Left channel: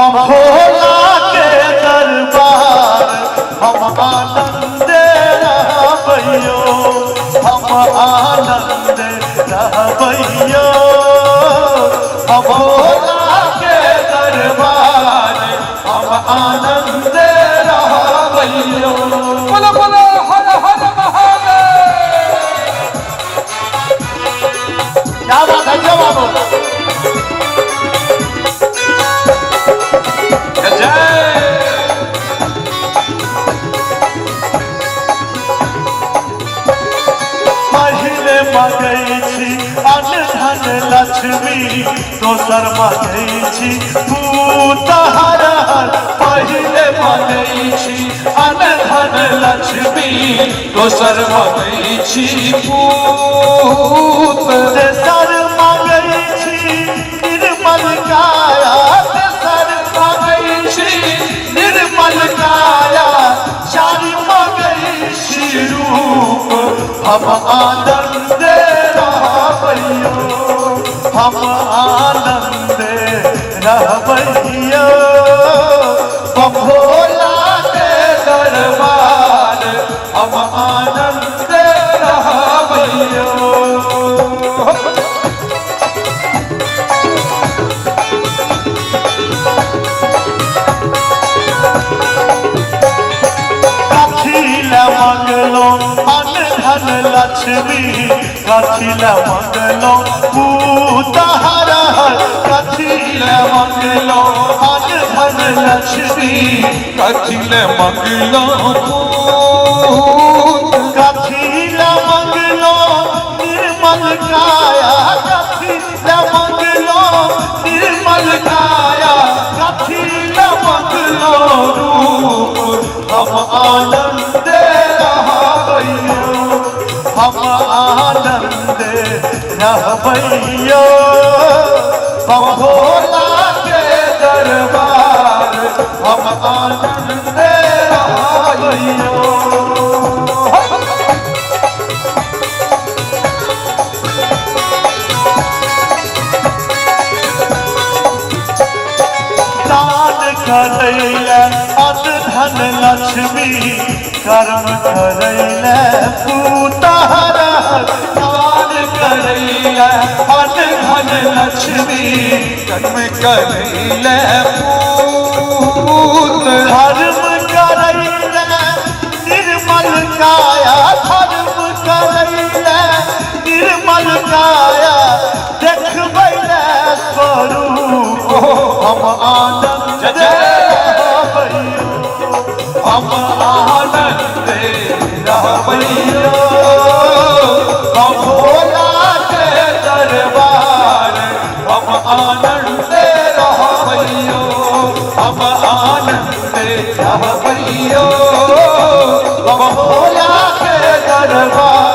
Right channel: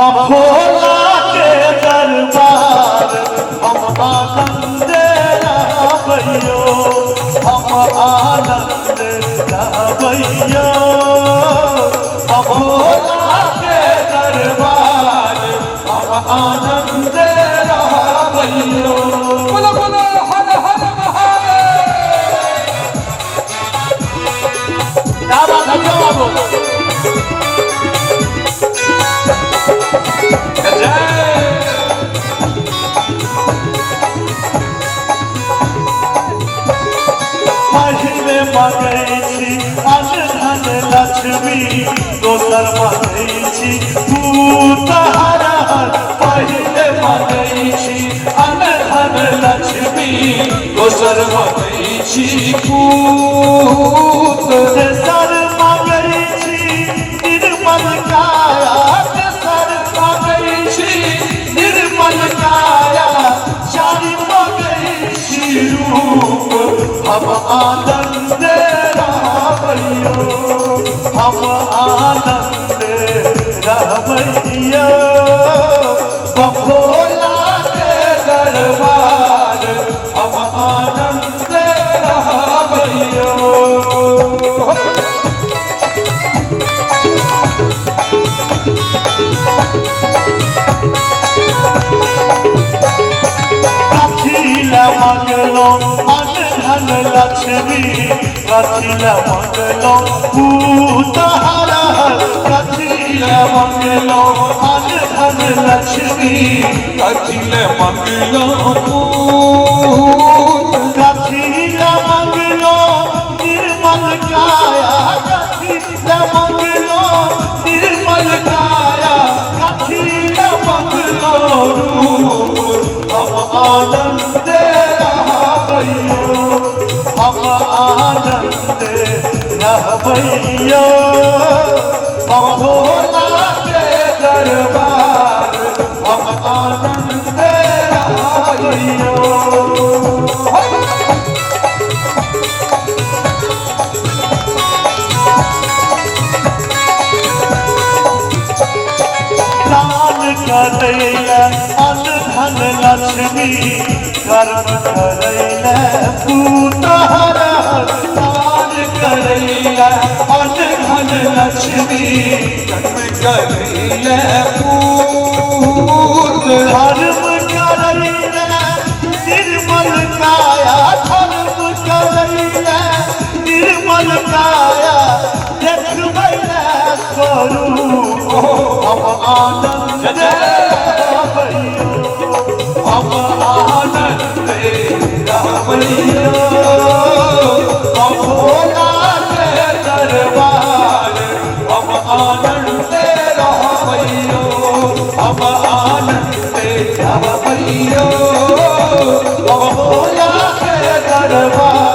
भोला के दरबार हम आनंद रहबैयो, हम आनंद रहबैयो। भोला के दरबार हम आनंद रहबैयो। बोलो बोलो हर हर महादेव। क्या बात है जवाब पहले मगै छी अन्न धन लक्ष्मी, दोसर मगै छी पूत हर हर। पहले मगै छी अन्न धन लक्ष्मी, दोसर मगै छी पूत। तेसर मगै छी निर्मल काया, तेसर मगै छी निर्मल काया। चारि मगै छी रूप हम आनंद रहबैयो, हम आनंद रहबैयो। भोला के दरबार हम आनंद रहबैयो। मंगलो अन्न धन लक्ष्मी, कथिल मंगलो पूत हर हर। कथिल मंगलो अन्न धन लक्ष्मी, कथिल मंगलो पूत। कथिल मंगलो निर्मल काया, कथिल मंगलो निर्मल काया। कथिल मंगलो रूप हम आनंद रहबैयो, हम आनंद रहबैयो। भोला के दरबार हम आनंद रहबैयो। दान करैले अन्न धन लक्ष्मी, कर्म करैले पूत हर हर। दान करैले अन्न धन लक्ष्मी, कर्म करैले पूत। धर्म करैले निर्मल काया, धर्म करैले निर्मल काया। देखबैले स्वरूप हम आनंद रहबैयो, हम आनंद रहबैयो। भोला के दरबार हम आनंद रहबैयो, हम आनंद रहबैयो। भोला के दरबार